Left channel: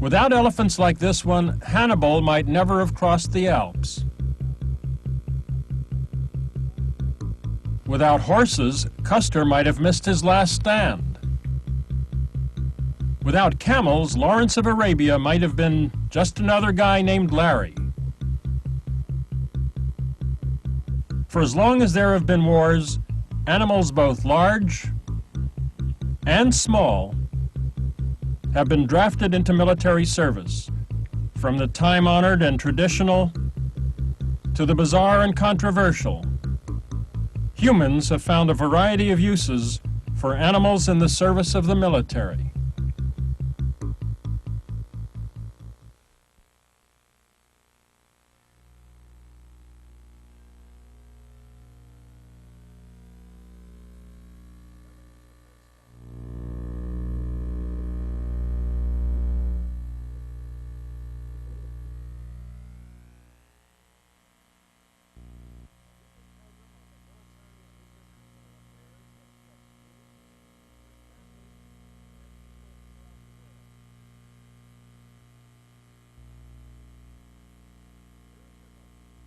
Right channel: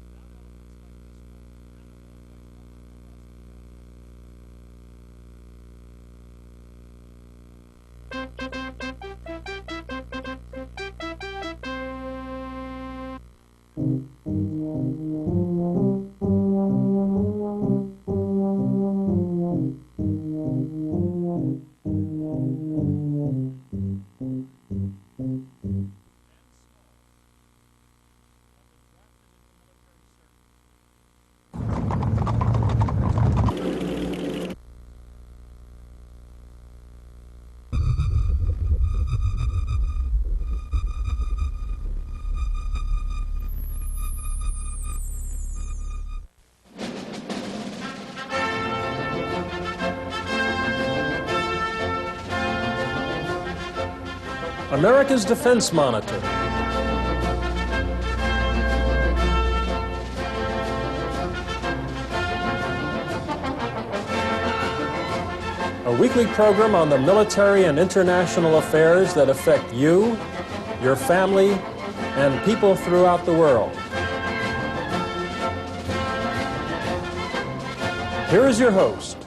Without elephants like this one, Hannibal might never have crossed the Alps. Without horses, Custer might have missed his last stand. Without camels, Lawrence of Arabia might have been just another guy named Larry. For as long as there have been wars, animals both large and small have been drafted into military service, from the time-honored and traditional to the bizarre and controversial. Humans have found a variety of uses for animals in the service of the military. America's Defense Monitor. A weekly program on the military and international affairs that affect you, your family, and people throughout the world. Here is your host,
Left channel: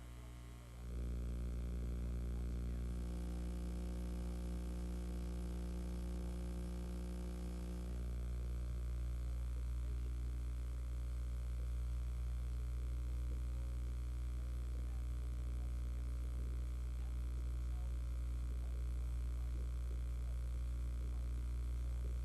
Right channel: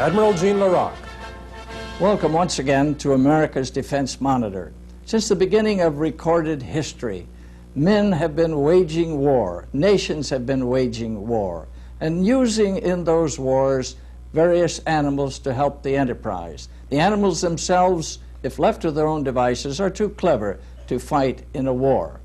Admiral Jean Larocque. Welcome once again to America's Defense Monitor. Since the beginning of recorded history, men have been waging war, nations have been waging war, and using in those wars various animals to help the enterprise. The animals themselves, if left to their own devices, are too clever to fight in a war.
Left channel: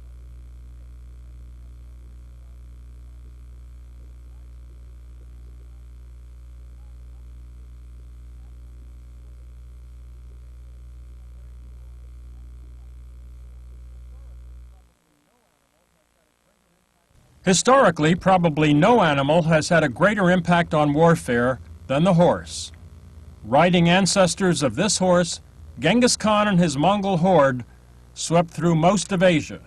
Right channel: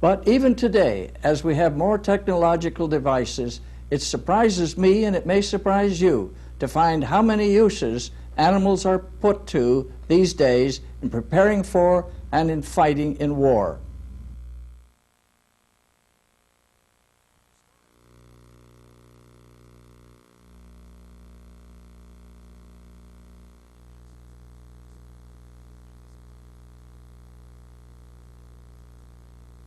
But even today, as we have more technological devices, it surprises me, and it may surprise you, to find how many uses animals are put to these days in preparing for and in fighting in war. Historically, probably no animal has had a greater impact on warfare than the horse. Riding ancestors of this horse, Genghis Khan and his Mongol horde swept through most of Asia.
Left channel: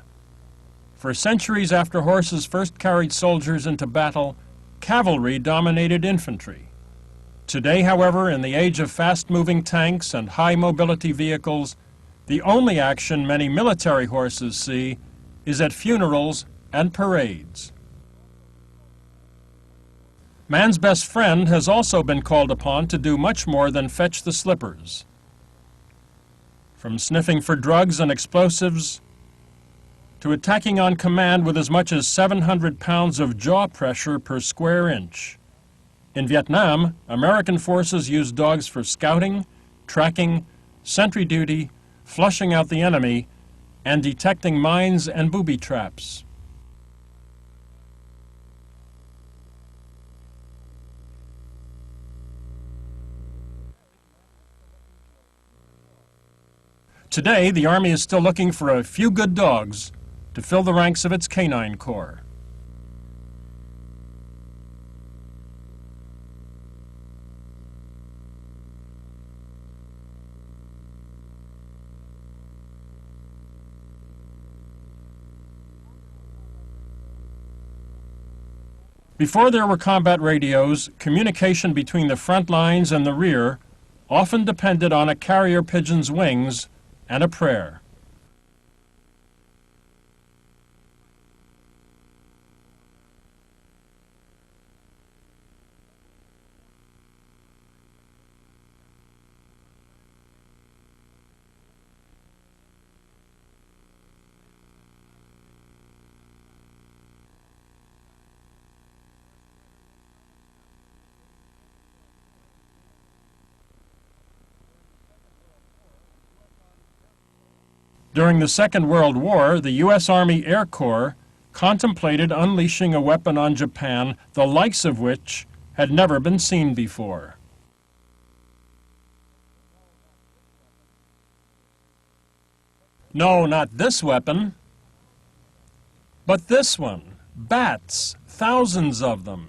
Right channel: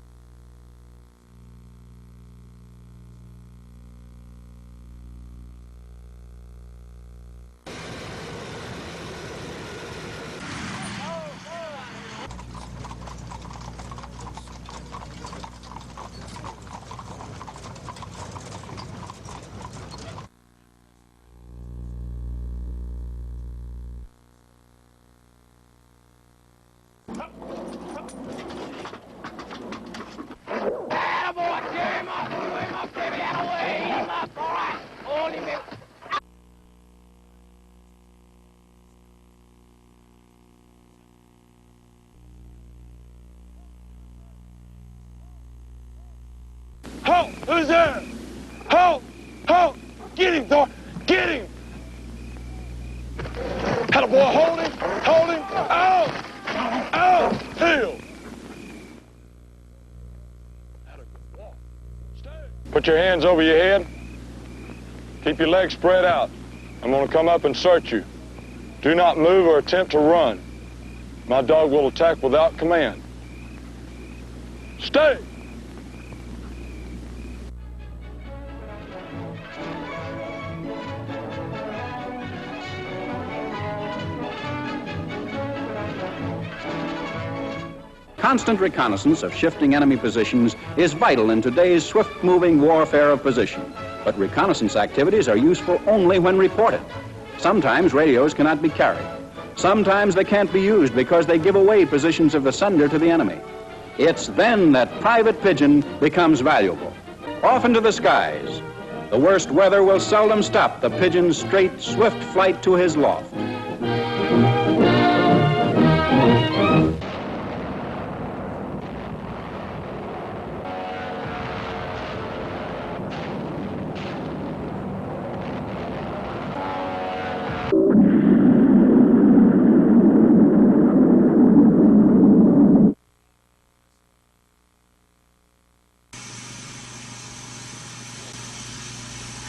For centuries after horses first carried soldiers into battle, cavalry dominated infantry. Today, however, in the age of fast-moving tanks and high-mobility vehicles, the only action many military horses see is at funerals and parades. Man's best friend has also been called upon to do much more than fetch the slippers. From sniffing for drugs and explosives to attacking on command with as much as 700 pounds of jaw pressure per square inch. In Vietnam, American forces used dogs for scouting, tracking, sentry duty, flushing out the enemy, and detecting mines and booby traps. Halt! Who's there? Halt! Halt! Get him, dog! Get him! Had a boy, hold him! Hold him! Out! Out! Today, the Army is still looking for a few good dogs to fill the ranks of its canine corps. Put your hands over your head. Keep your legs spread out. I'm going to come up and search you. Do not move or attempt to run. My dog will attack without command. Stay! Before there were combat radios, communication between the front lines and the rear often depended on a carrier pigeon's wings and a prayer. Constant reconnaissance of shifting enemy positions is vital in today's swift-moving warfare of position. But reconnaissance activities are useful only when reported. Sometimes radios cannot be carried. Sometimes they can't be used because they give away positions of the sender to the enemy. It's then that private pigeon becomes valuable. Off into the skies. The worst weather will seldom stop the pigeon's straight, swift flight to his loft. During the Second World War, the U.S. Army Air Corps contemplated unleashing a weapon on Japan, the likes of which had never been seen before. No, not this weapon, but this one. Bats, thousands of them,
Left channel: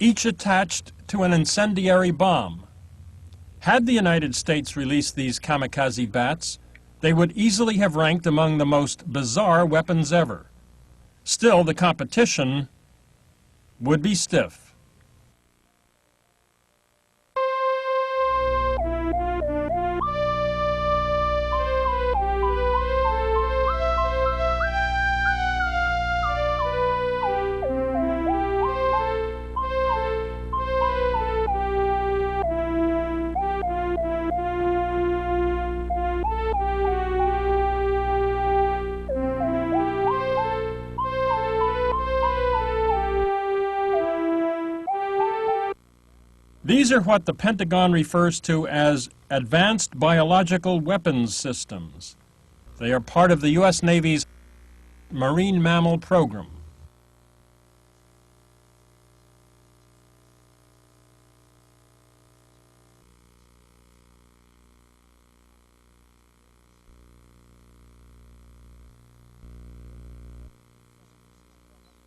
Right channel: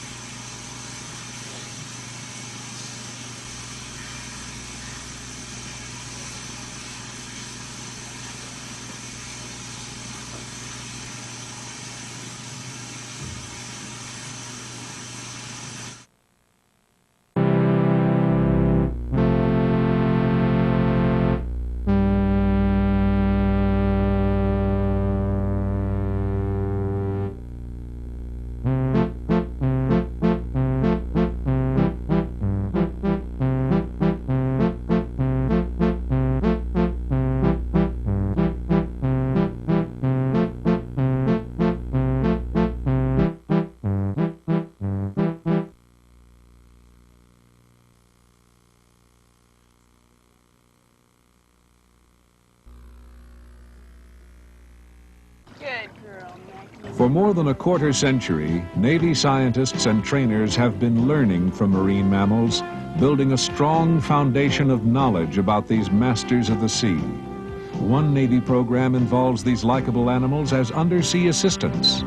each attached to an incendiary bomb. Had the United States released these Kamikaze Bats, they would easily have ranked among the most bizarre weapons ever. Still, the competition would be stiff. These are what the Pentagon refers to as advanced biological weapons systems. They are part of the U.S. Navy's marine mammal program. For more than a quarter century, Navy scientists and trainers have been learning from marine mammals, building a strong foundation of knowledge about these masters of the sea. One Navy program involves these likable animals as undersea assistants.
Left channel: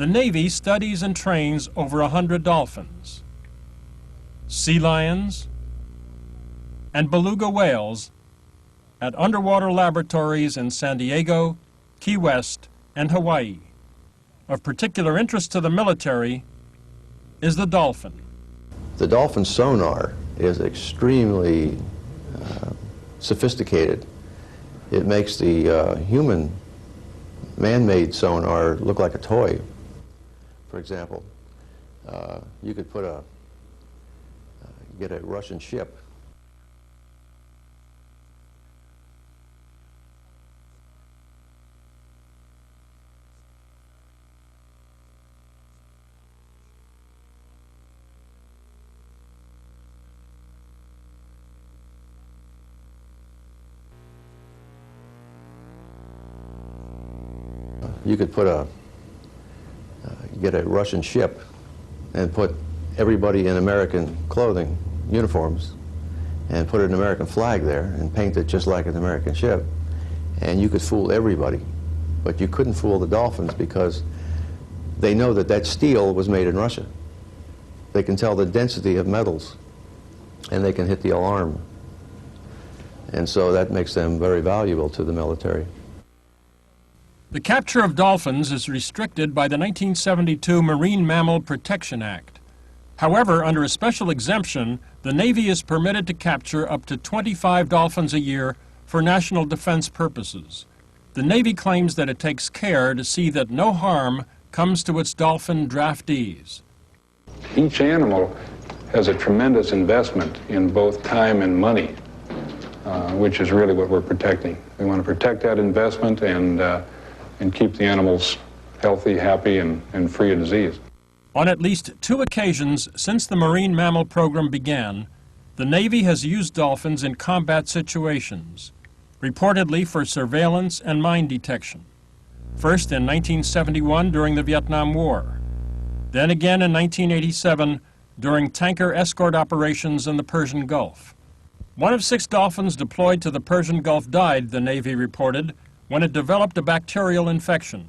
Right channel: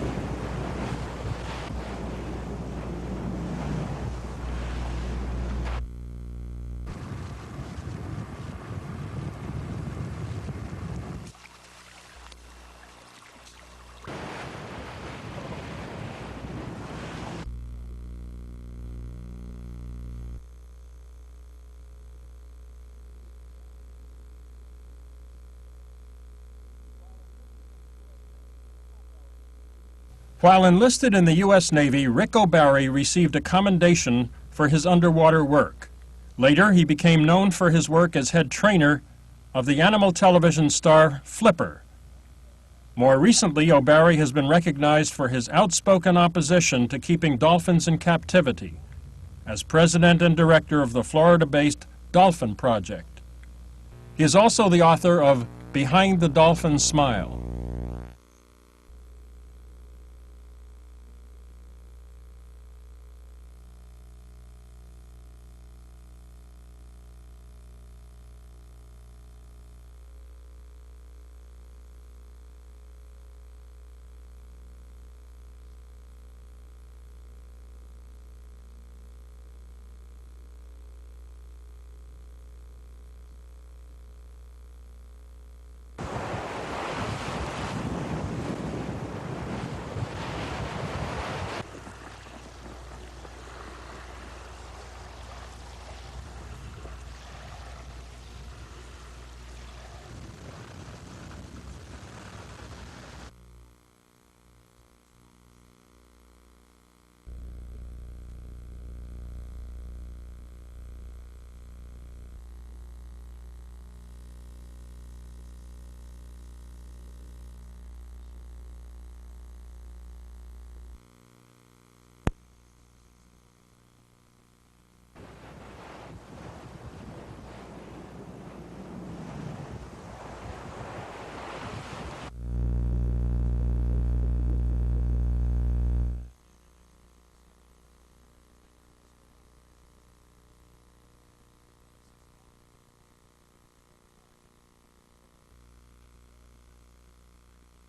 The Navy studies and trains over 100 dolphins, sea lions, and beluga whales at underwater laboratories in San Diego, Key West, and Hawaii. Of particular interest to the military is the dolphin. The dolphin sonar is extremely sophisticated. It makes the human man-made sonar look like a toy. While enlisted in the U.S. Navy, Rick O'Barry received a commendation for his underwater work. Later, he became known for his work as head trainer of the animal television star Flipper. More recently, O'Barry has been recognized for his outspoken opposition to keeping dolphins in captivity as president and director of the Florida-based Dolphin Project. He is also the author of Behind the Dolphin Smile. You could put get a Russian ship and put everybody in American clothing, uniforms, and put an American flag there and paint it just like an American ship, and you could fool everybody. But you couldn't fool the dolphins because they know that that steel was made in Russia. They can tell the density of metals, and they can hit the alarm. And so that makes them very valuable to the military. The capture of dolphins is restricted by the 1972 Marine Mammal Protection Act. However, under a special exemption, the Navy is permitted to capture up to 25 dolphins a year for national defense purposes. The Navy claims that it takes care to see that no harm comes to its dolphin draftees. Each animal has a tremendous investment in both time and money, which is really what we're protecting. We want to protect that investment and keep the animals healthy, happy, and free of disease. On at least 2 occasions since the Marine Mammal Program began, the Navy has used dolphins in combat situations, reportedly for surveillance and mine detection. First in 1971 during the Vietnam War, then again in 1987 during tanker escort operations in the Persian Gulf. 1 of 6 dolphins deployed to the Persian Gulf died, the Navy reported, when it developed a bacterial infection.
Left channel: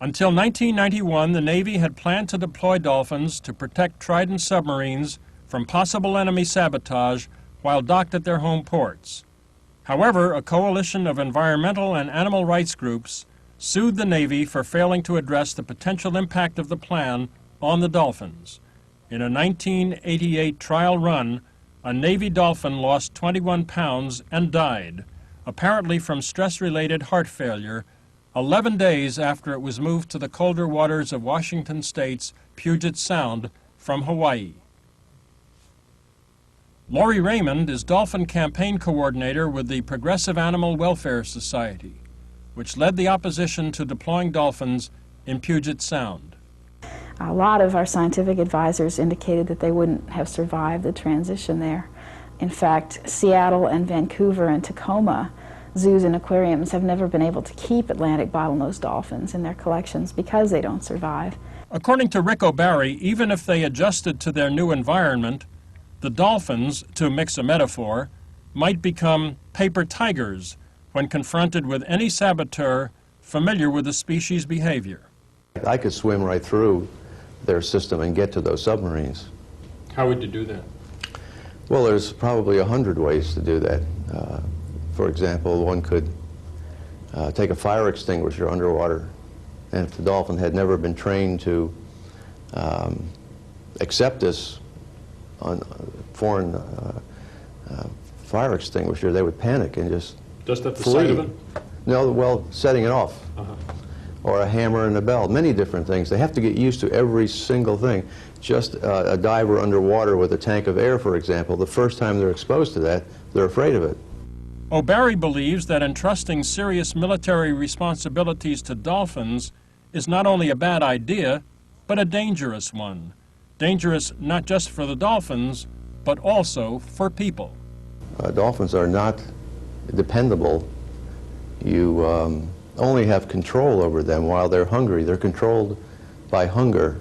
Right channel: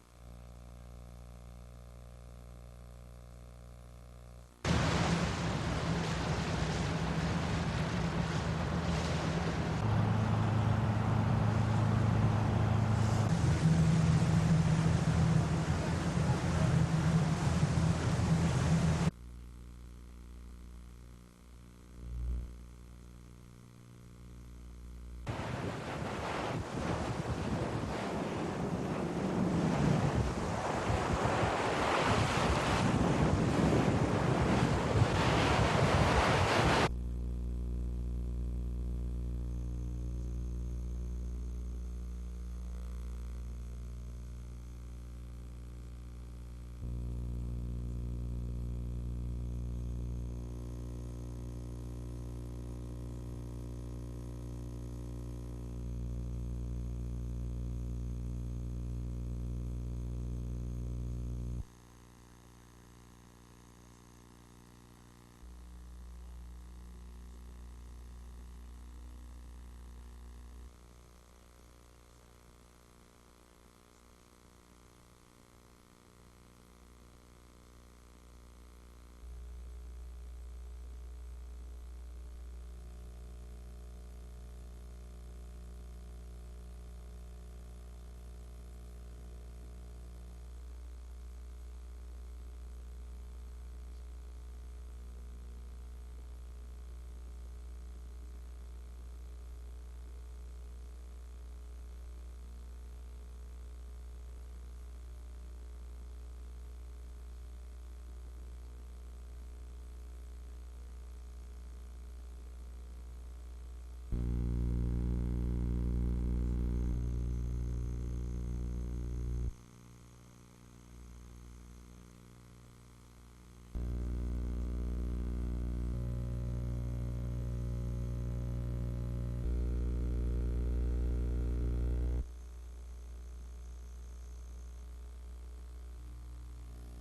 Until 1991, the Navy had planned to deploy dolphins to protect Trident submarines from possible enemy sabotage while docked at their home ports. However, a coalition of environmental and animal rights groups sued the Navy for failing to address the potential impact of the plan on the dolphins. In a 1988 trial run, a Navy dolphin lost 21 pounds and died, apparently from stress-related heart failure, 11 days after it was moved to the colder waters of Washington State's Puget Sound from Hawaii. Lori Raymond is dolphin campaign coordinator with the Progressive Animal Welfare Society, which led the opposition to deploying dolphins in Puget Sound. A lot of our scientific advisors indicated that they wouldn't have survived the transition there. In fact, Seattle and Vancouver and Tacoma zoos and aquariums have never been able to keep Atlantic bottlenose dolphins in their collections because they don't survive. According to Rick O'Barry, even if they adjusted to their new environment, the dolphins, to mix a metaphor, might become paper tigers when confronted with any saboteur familiar with the species' behavior. I could swim right through their system and get to those submarines. How would you do that? Well, there's probably 100 ways to do that. For example, one could take a fire extinguisher underwater, and if the dolphin had never been trained to accept this on foreign fire extinguisher, they would panic and just at the flee. side of it? No, well, setting it off. Or a hammer and a bell, many different things. They have to get used to every single thing. Just a diver underwater with a tank of air, for example, the first time they're exposed to that, they're afraid of it. O'Barry believes that entrusting serious military responsibilities to dolphins is not only a bad idea, but a dangerous one. dangerous not just for the dolphins, but also for people. Dolphins are not dependable. You only have control over them while they're hungry. They're controlled by hunger.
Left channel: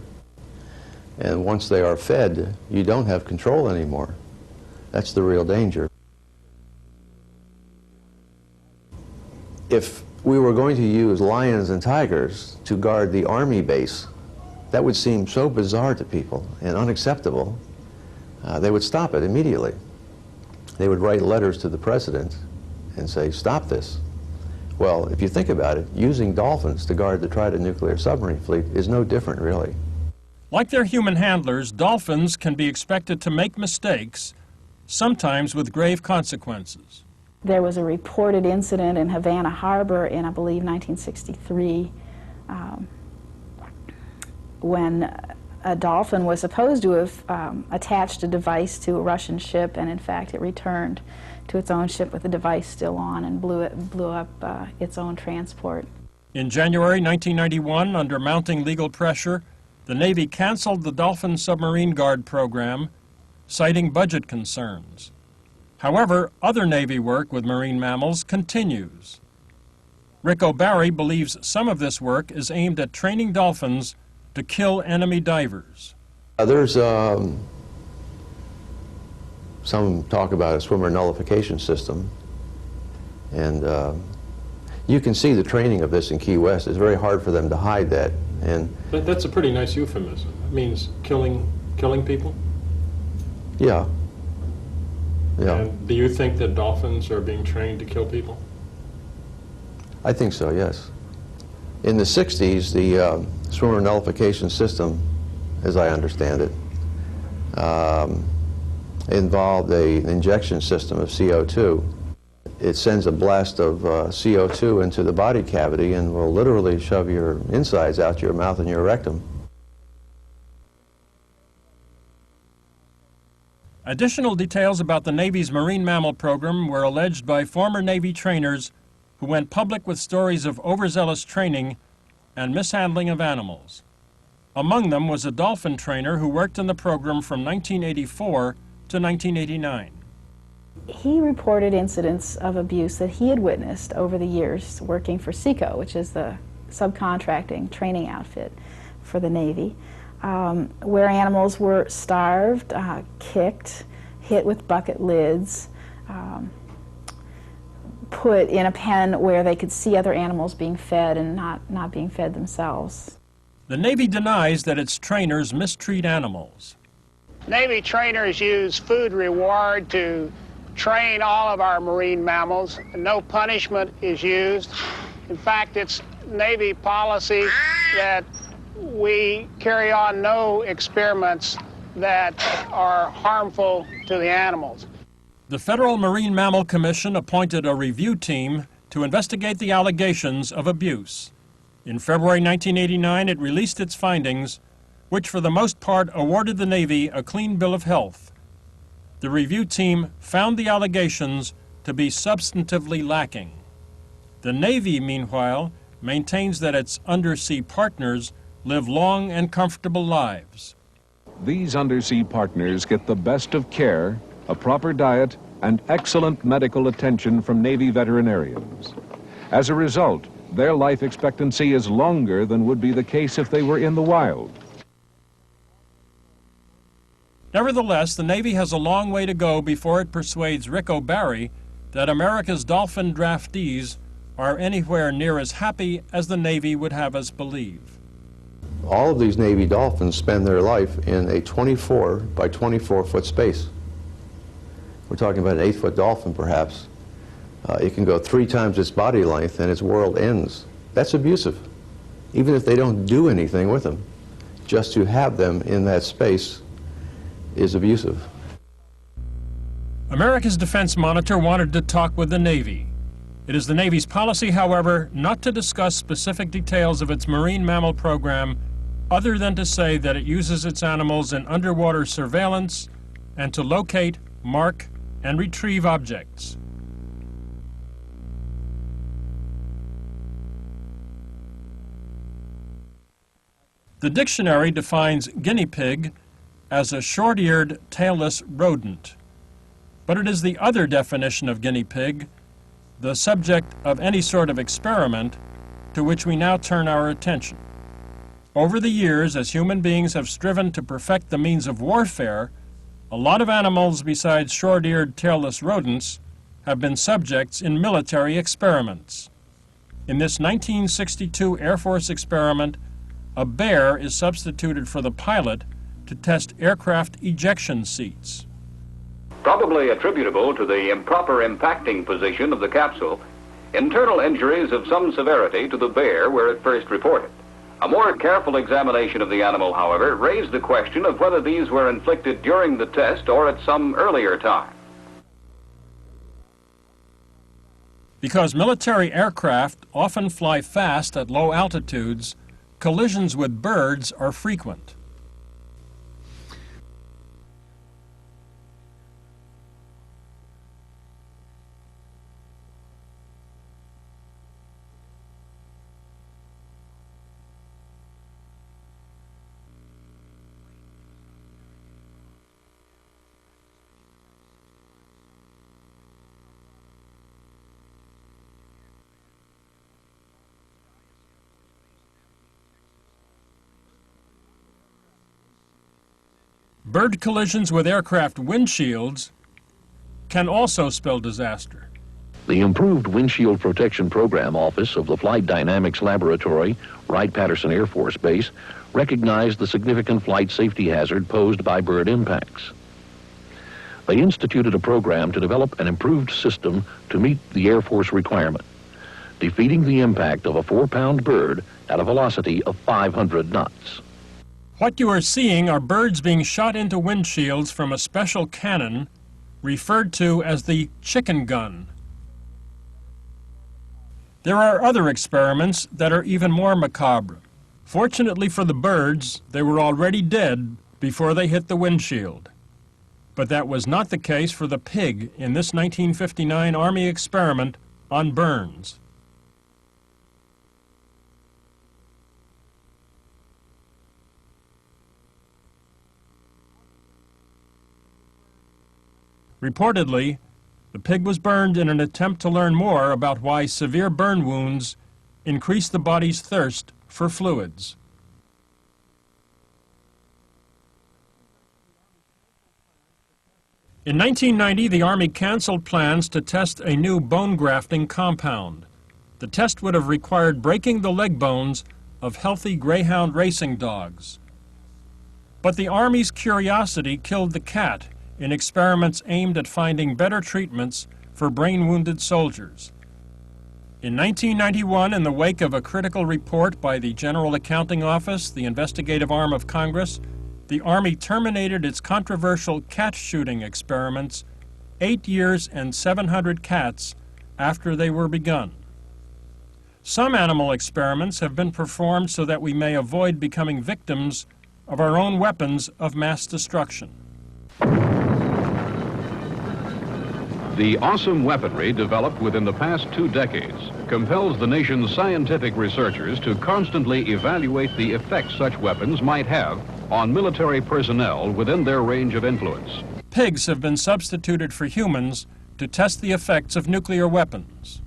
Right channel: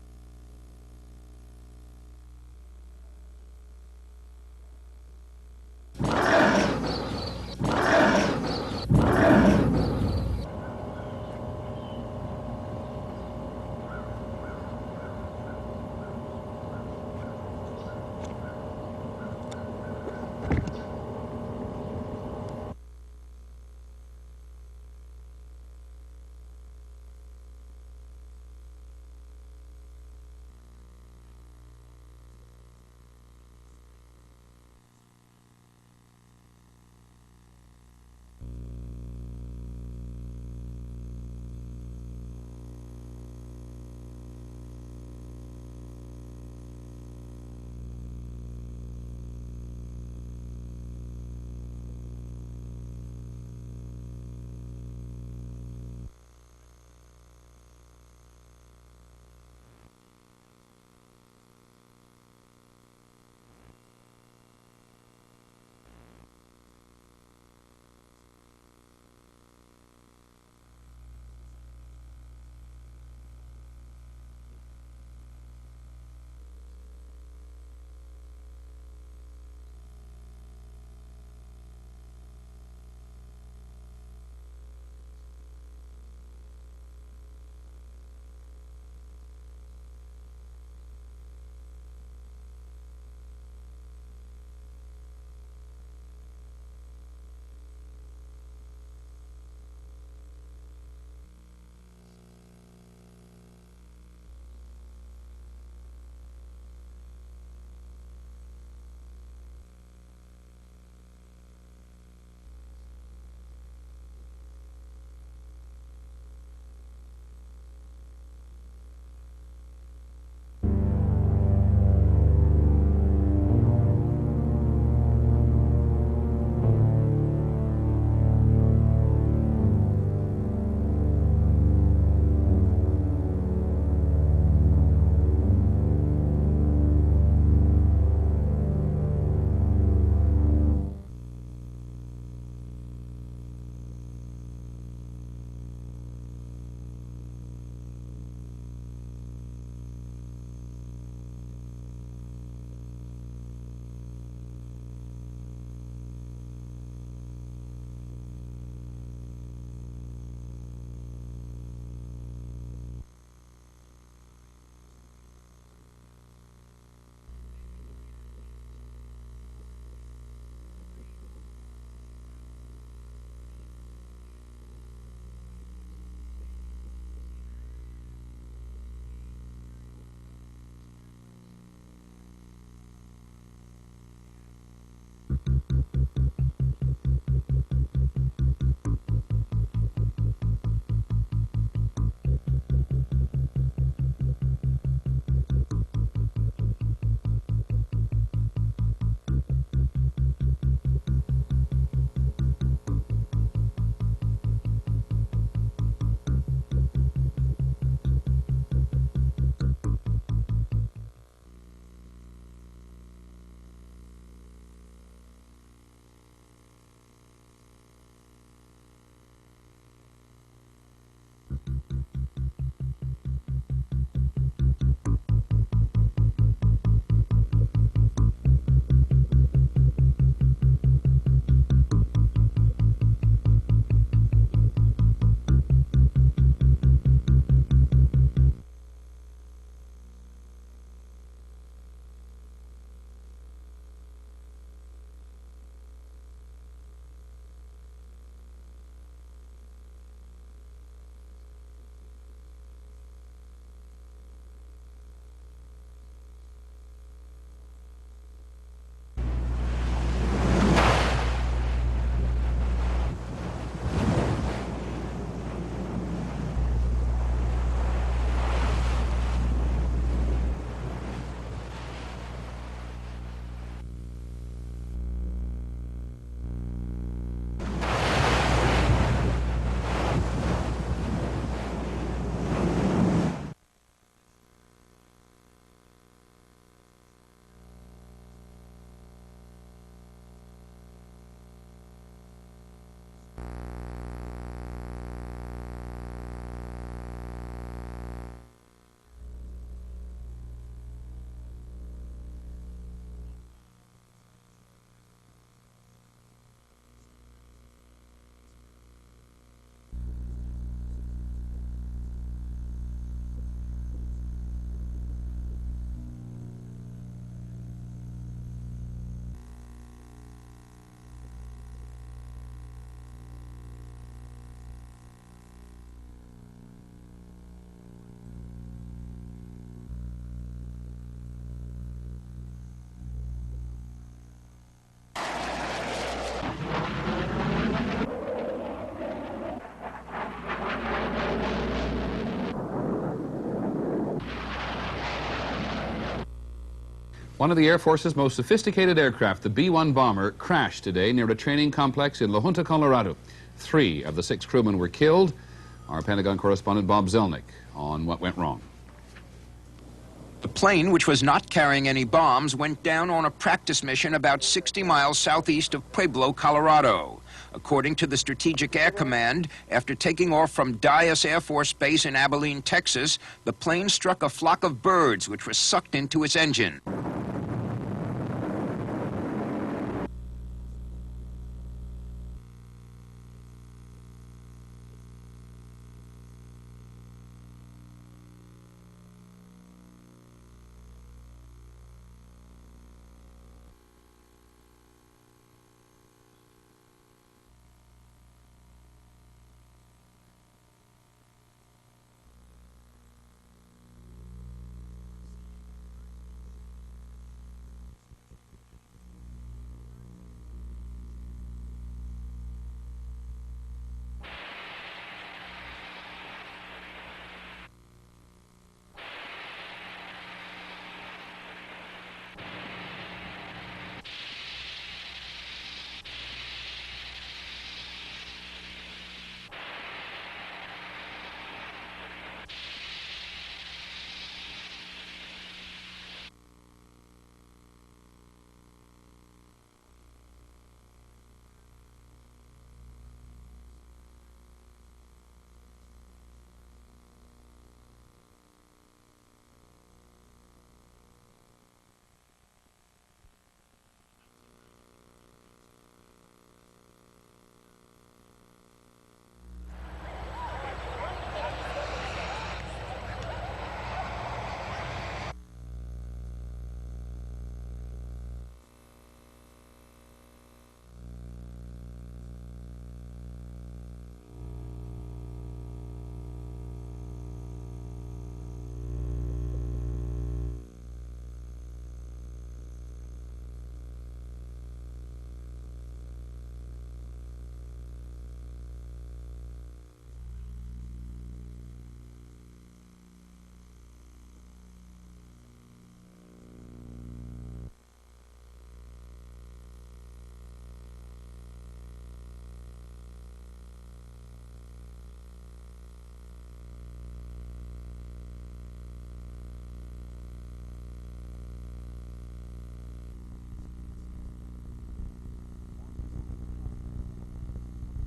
And once they are fed, you don't have control anymore. That's the real danger. If we were going to use lions and tigers to guard the Army base, that would seem so bizarre to people and unacceptable. They would stop it immediately. They would write letters to the president and say, stop this. Well, if you think about it, using dolphins to guard the Trident nuclear submarine fleet is no different, really. Like their human handlers, dolphins can be expected to make mistakes, sometimes with grave consequences. There was a reported incident in Havana Harbor in, I believe, 1963, when a dolphin was supposed to have attached a device to a Russian ship, and in fact it returned to its own ship with the device still on and blew up its own transport. In January 1991, under mounting legal pressure, the Navy canceled the Dolphin Submarine Guard program, citing budget concerns. However, other Navy work with marine mammals continues. Rick O'Barry believes some of this work is aimed at training dolphins to kill enemy divers. There's some talk about a swimmer nullification system, and you can see the training of this in Key West. It's very hard for them to hide that. But that's a pretty nice euphemism. It means killing people? Yeah. Yeah. And do you think that dolphins are being trained to kill people? I think so, yes. In the 60s, the swimmer nullification system, as I understand it, involved an injection system of CO2. It sends a blast of CO2 into the body cavity and will literally shove your insides out your mouth and your rectum. Additional details about the Navy's marine mammal program were alleged by former Navy trainers who went public with stories of overzealous training and mishandling of animals. Among them was a dolphin trainer who worked in the program from 1984 to 1989. He reported incidents of abuse that he had witnessed over the years working for CECO, which is the subcontracting training outfit for the Navy, where animals were starved, kicked, hit with bucket lids, put in a pen where they could see other animals being fed and not being fed themselves. The Navy denies that its trainers mistreat animals. Navy trainers use food reward to train all of our marine mammals. No punishment is used. In fact, it's Navy policy that we carry on no experiments that are harmful to the animals. The Federal Marine Mammal Commission appointed a review team to investigate the allegations of abuse. In February 1989, it released its findings, which for the most part awarded the Navy a clean bill of health. The review team found the allegations to be substantively lacking. The Navy, meanwhile, maintains that its undersea partners live long and comfortable lives. These undersea partners get the best of care, a proper diet, and excellent medical attention from Navy veterinarians. As a result, their life expectancy is longer than would be the case if they were in the wild. Nevertheless, the Navy has a long way to go before it persuades Rick O'Barry that America's dolphin draftees are anywhere near as happy as the Navy would have us believe. All of these Navy dolphins spend their life in a 24 by 24 foot space. We're talking about an 8-foot dolphin, perhaps. It can go 3 times its body length and its world ends. That's abusive, even if they don't do anything with them. Just to have them in that space is abusive. America's Defense Monitor wanted to talk with the Navy. It is the Navy's policy, however, not to discuss specific details of its marine mammal program, other than to say that it uses its animals in underwater surveillance and to locate, mark, and retrieve objects. The dictionary defines guinea pig as a short-eared, tailless rodent. But it is the other definition of guinea pig, the subject of any sort of experiment, to which we now turn our attention. Over the years, as human beings have striven to perfect the means of warfare, a lot of animals besides short-eared, tailless rodents have been subjects in military experiments. In this 1962 Air Force experiment, a bear is substituted for the pilot to test aircraft ejection seats. Probably attributable to the improper impacting position of the capsule, internal injuries of some severity to the bear were at first reported. A more careful examination of the animal, however, raised the question of whether these were inflicted during the test or at some earlier time. Because military aircraft often fly fast at low altitudes, collisions with birds are frequent. One of the Air Force's most sophisticated aircraft, the B-1 bomber, crashed today near a training complex in La Junta, Colorado. 3 of the 6 crewmen were killed. Our Pentagon correspondent Bob Zelnick on what went wrong. The plane, which was not carrying any bombs, went down on a practice mission about 60 miles southeast of Pueblo, Colorado. According to the Strategic Air Command, after taking off from Dyess Air Force Base in Abilene, Texas, the plane struck a flock of birds which were sucked into its engine. Bird collisions with aircraft windshields can also spell disaster. The Improved Windshield Protection Program Office of the Flight Dynamics Laboratory, Wright-Patterson Air Force Base, recognized the significant flight safety hazard posed by bird impacts. They instituted a program to develop an improved system to meet the Air Force requirement, defeating the impact of a 4-pound bird at a velocity of 500 knots. What you are seeing are birds being shot into windshields from a special cannon referred to as the chicken gun. There are other experiments that are even more macabre. Fortunately for the birds, they were already dead before they hit the windshield. But that was not the case for the pig in this 1959 Army experiment on Burns. Reportedly, the pig was burned in an attempt to learn more about why severe burn wounds increase the body's thirst for fluids. In 1990, the Army canceled plans to test a new bone grafting compound. The test would have required breaking the leg bones of healthy greyhound racing dogs. But the Army's curiosity killed the cat in experiments aimed at finding better treatments for brain-wounded soldiers. In 1991, in the wake of a critical report by the General Accounting Office, the investigative arm of Congress, the Army terminated its controversial cat shooting experiments 8 years and 700 cats after they were begun. Some animal experiments have been performed so that we may avoid becoming victims of our own weapons of mass destruction. The awesome weaponry developed within the past 2 decades compels the nation's scientific researchers to constantly evaluate the effects such weapons might have on military personnel within their range of influence. Pigs have been substituted for humans to test the effects of nuclear weapons.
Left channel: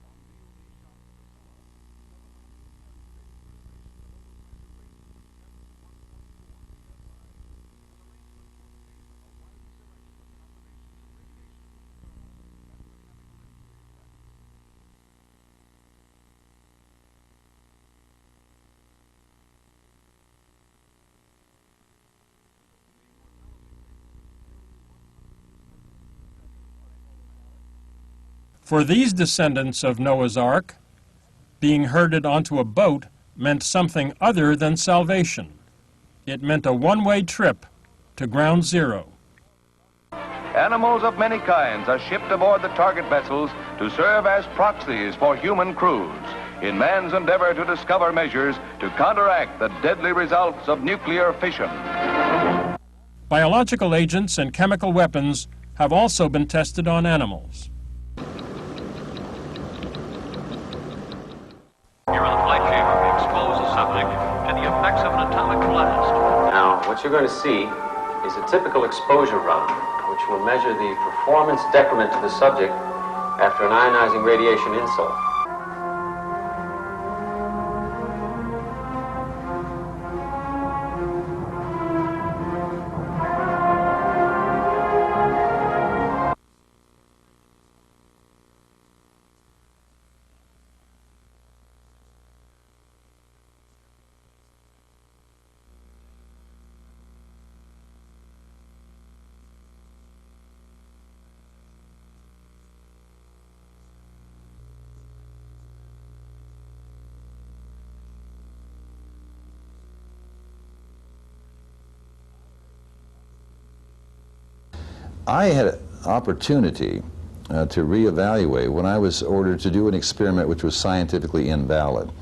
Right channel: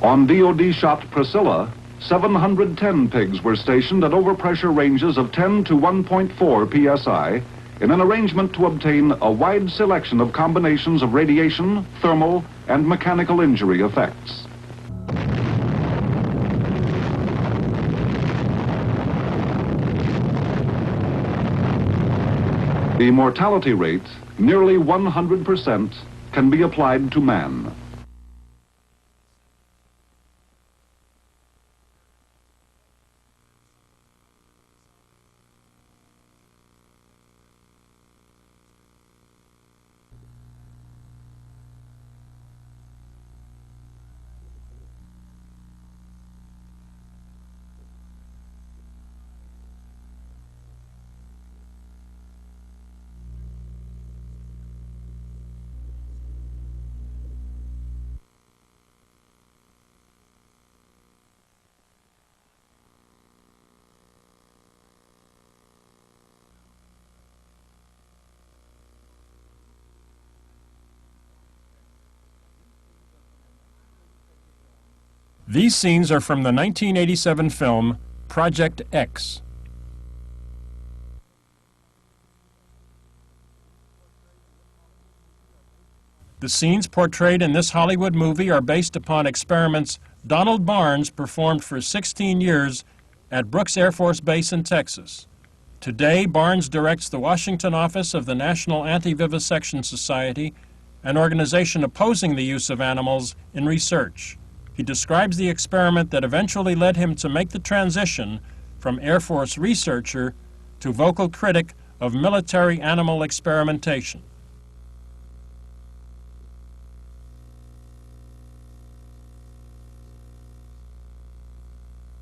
On DoD-shot Priscilla, 710 pigs were stationed at overpressure ranges of 10 to 1.4 psi in an arrangement to obtain a wide selection of combinations of radiation, thermal, and mechanical injury effects. The mortality rate, nearly 100%, can be applied to man. For these descendants of Noah's Ark, being herded onto a boat meant something other than salvation. It meant a one-way trip to ground zero. Animals of many kinds are shipped aboard the target vessels to serve as proxies for human crews in man's endeavor to discover measures to counteract the deadly results of nuclear fission. Biological agents and chemical weapons have also been tested on animals. Here in the flight chamber, we expose the subject to the effects of an atomic blast. Now, what what you're going to see is a typical exposure run, which will measure the performance decrement to the subject after an ionizing radiation insult. These scenes are from the 1987 film Project X. The scenes portrayed in this Hollywood movie are based upon experiments Donald Barnes performed for 16 years at Brooks Air Force Base in Texas. Today, Barnes directs the Washington office of the National Anti-Vivisection Society, an organization opposing the use of animals in research. He describes the experiment that eventually led him to make the transition from Air Force researcher to vocal critic of military animal experimentation. I had an opportunity to reevaluate when I was ordered to do an experiment which was scientifically invalid.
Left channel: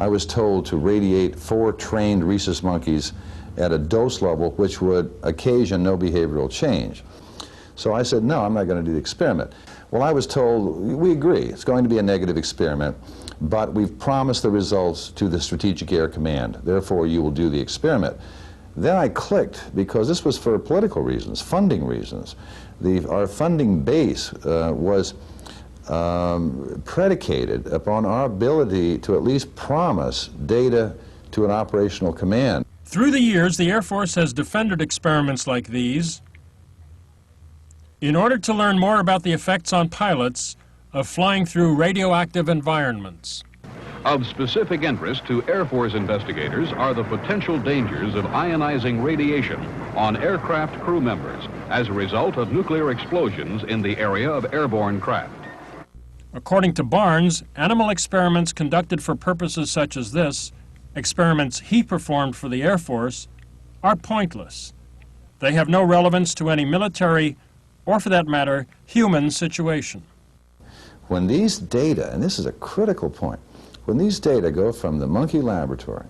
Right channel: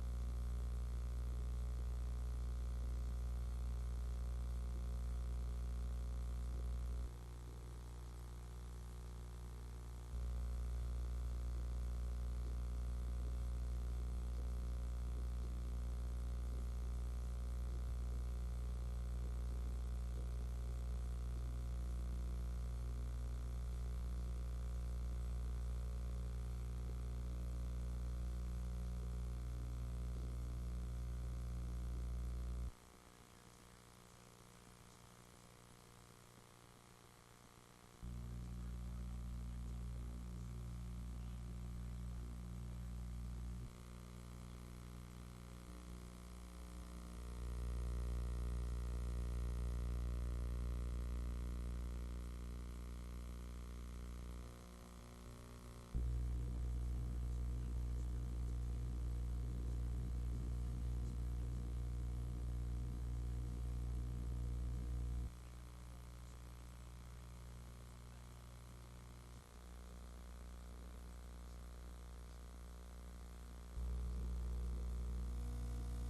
I was told to radiate 4 trained rhesus monkeys at a dose level which would occasion no behavioral change. So I said, no, I'm not going to do the experiment. Well, I was told, we agree, it's going to be a negative experiment, but we've promised the results to the Strategic Air Command, therefore you will do the experiment. Then I clicked, because this was for political reasons, funding reasons. Our funding base was predicated upon our ability to at least promise data to an operational command. Through the years, the Air Force has defended experiments like these in order to learn more about the effects on pilots of flying through radioactive environments. Of specific interest to Air Force investigators are the potential dangers of ionizing radiation on aircraft crew members as a result of nuclear explosions in the area of airborne craft. According to Barnes, animal experiments conducted for purposes such as this, experiments he performed for the Air Force, are pointless. They have no relevance to any military or, for that matter, human situation. When these data, and this is a critical point, when these data go from the monkey laboratory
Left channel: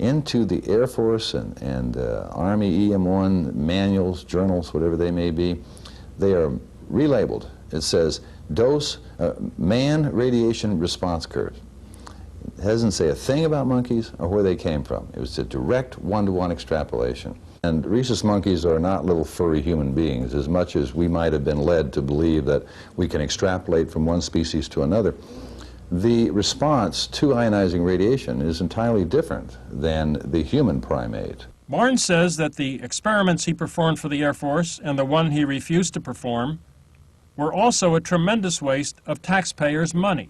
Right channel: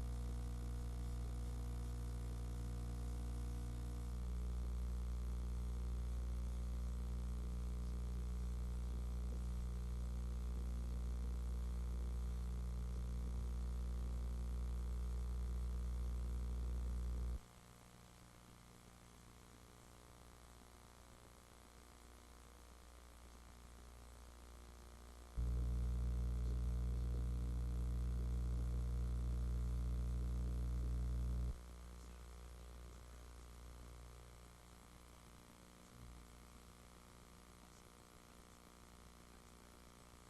into the Air Force and Army EM1 manuals, journals, whatever they may be, they are relabeled. It says dose, man radiation response curve. It doesn't say a thing about monkeys or where they came from. It was a direct one-to-one extrapolation. And rhesus monkeys are not little furry human beings, as much as we might have been led to believe that we can extrapolate from one species to another. The response to ionizing radiation is entirely different than the human primate. Barnes says that the experiments he performed for the Air Force and the one he refused to perform were also a tremendous waste of taxpayers' money.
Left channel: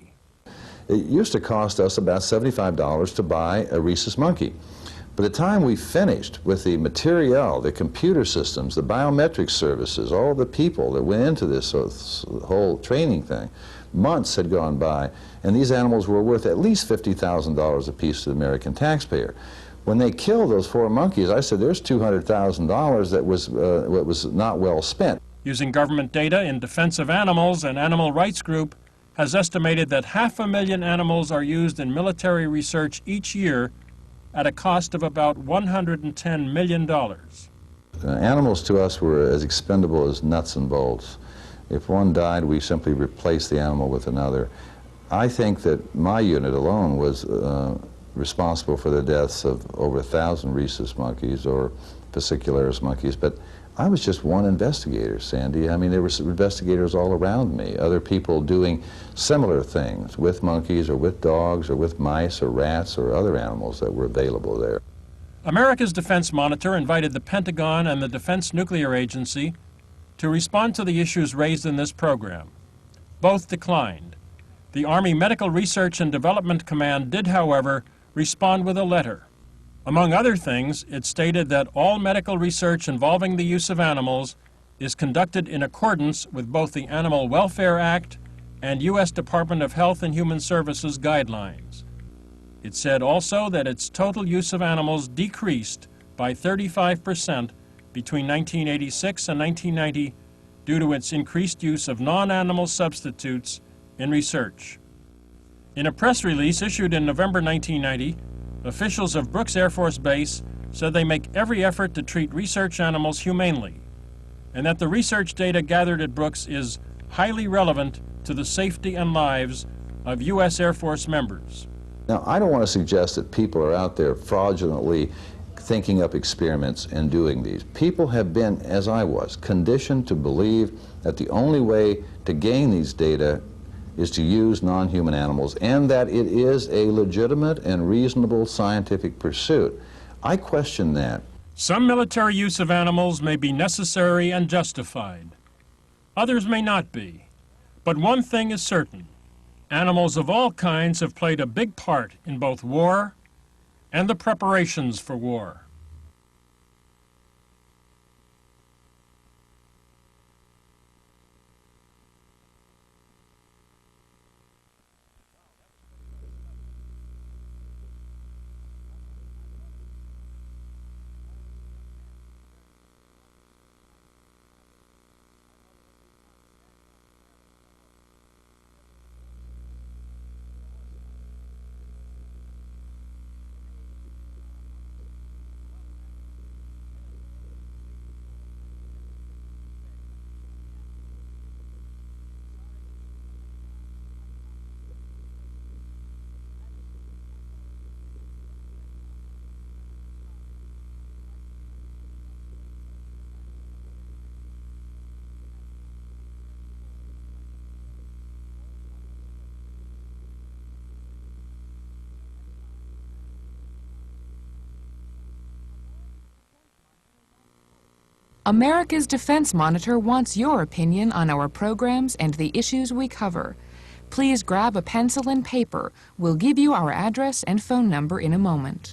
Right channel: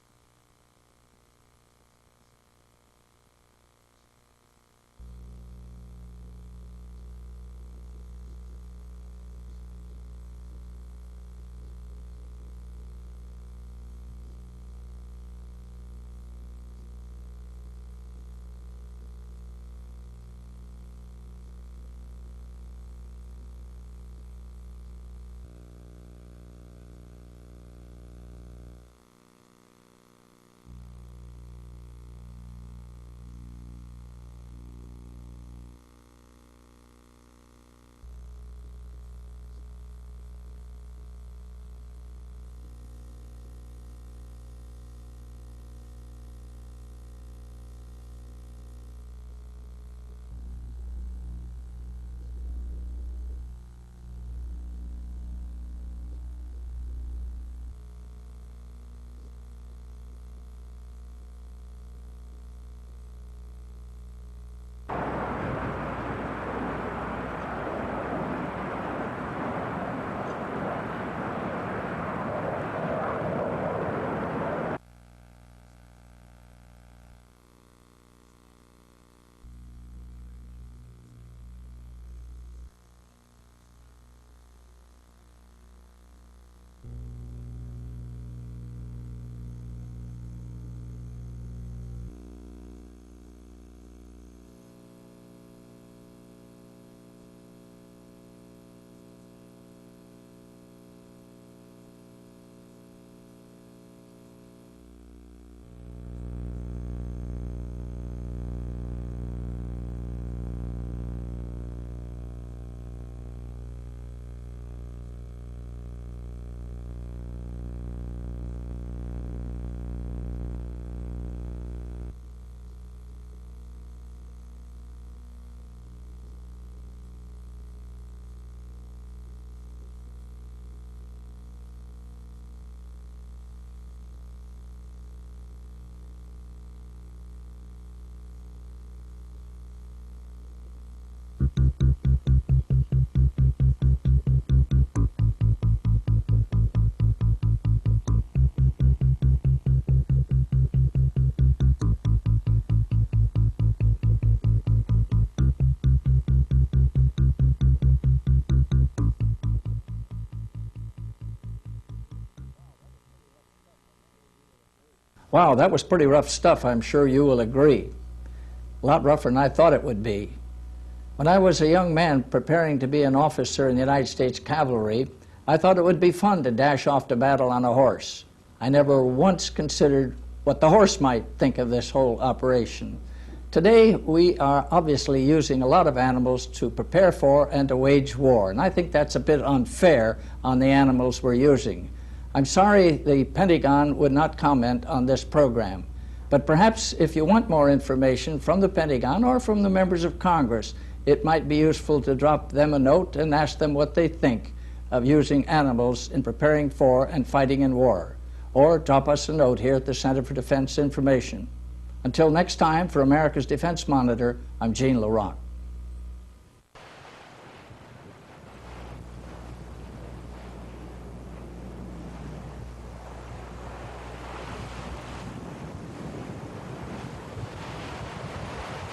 It used to cost us about $75 to buy a rhesus monkey. By the time we finished with the materiel, the computer systems, the biometric services, all the people that went into this whole training thing, months had gone by, and these animals were worth at least $50,000 a piece to the American taxpayer. When they killed those 4 monkeys, I said, there's $200,000 that was not well spent. Using government data in Defense of Animals, an animal rights group has estimated that 500,000 animals are used in military research each year at a cost of about $110 million. Animals to us were as expendable as nuts and bolts. If one died, we simply replaced the animal with another. I think that my unit alone was responsible for the deaths of over 1,000 rhesus monkeys or fascicularis monkeys, but I was just one investigator, Sandy. I mean, there were investigators all around me, other people doing similar things with monkeys or with dogs or with mice or rats or other animals that were available there. America's Defense Monitor invited the Pentagon and the Defense Nuclear Agency to respond to the issues raised in this program. Both declined. The Army Medical Research and Development Command did, however, respond with a letter. Among other things, it stated that all medical research involving the use of animals is conducted in accordance with both the Animal Welfare Act and U.S. Department of Health and Human Services guidelines. It said also that its total use of animals decreased by 35% between 1986 and 1990 due to its increased use of non-animal substitutes in research. In a press release issued in November 1990, officials of Brooks Air Force Base said they make every effort to treat research animals humanely, and that the research data gathered at Brooks is highly relevant to the safety and lives of U.S. Air Force members. Now, I don't want to suggest that people are out there fraudulently thinking up experiments and doing these. People have been, as I was, conditioned to believe that the only way to gain these data is to use non-human animals, and that it is a legitimate and reasonable scientific pursuit. I question that. Some military use of animals may be necessary and justified. Others may not be. But one thing is certain. Animals of all kinds have played a big part in both war and the preparations for war. Wow, that was pretty rough stuff, I'm sure you will agree. A lot rougher than I thought it would be. When I was a young man preparing to be an officer in the United States Cavalry, I thought it would be fun to dash off to battle on a horse. I never once considered what the horse might think of this whole operation. Today, we are obviously using a lot of animals to prepare for and to wage war, and I think that's a bit unfair on the animals we're using. I'm sorry the Pentagon would not comment on this program, but perhaps if you want more information from the Pentagon or from the members of Congress, it might be useful to drop them a note and ask them what they think of using animals in preparing for and fighting in war. Or drop us a note here at the Center for Defense Information. Until next time, for America's Defense Monitor, I'm Gene LaRock. America's Defense Monitor wants your opinion on our programs and the issues we cover. Please grab a pencil and paper. We'll give you our address and phone number in a moment.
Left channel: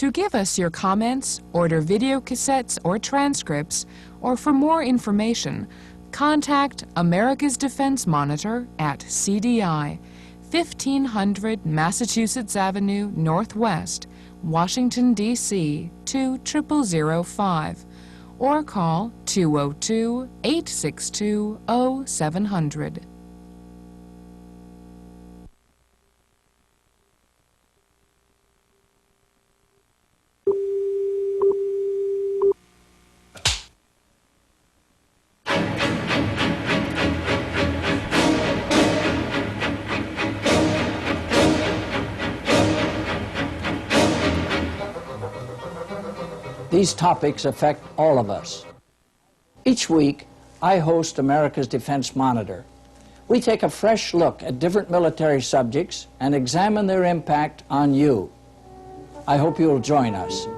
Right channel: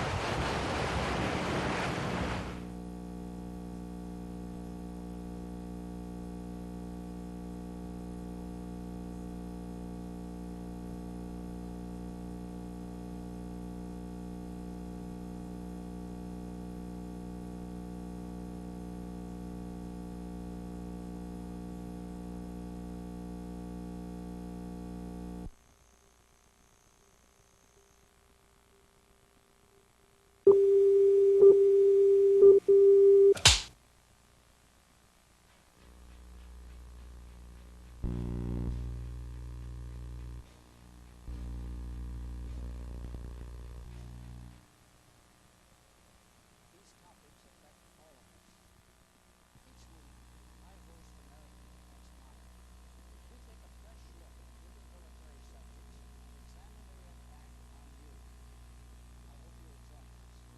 To give us your comments, order video cassettes or transcripts, or for more information, contact America's Defense Monitor at CDI, 1500 Massachusetts Avenue Northwest, Washington, D.C. 20005, or call 202-862-0700. These topics affect all of us. Each week, I host America's Defense Monitor. We take a fresh look at different military subjects and examine their impact on you. I hope you'll join us.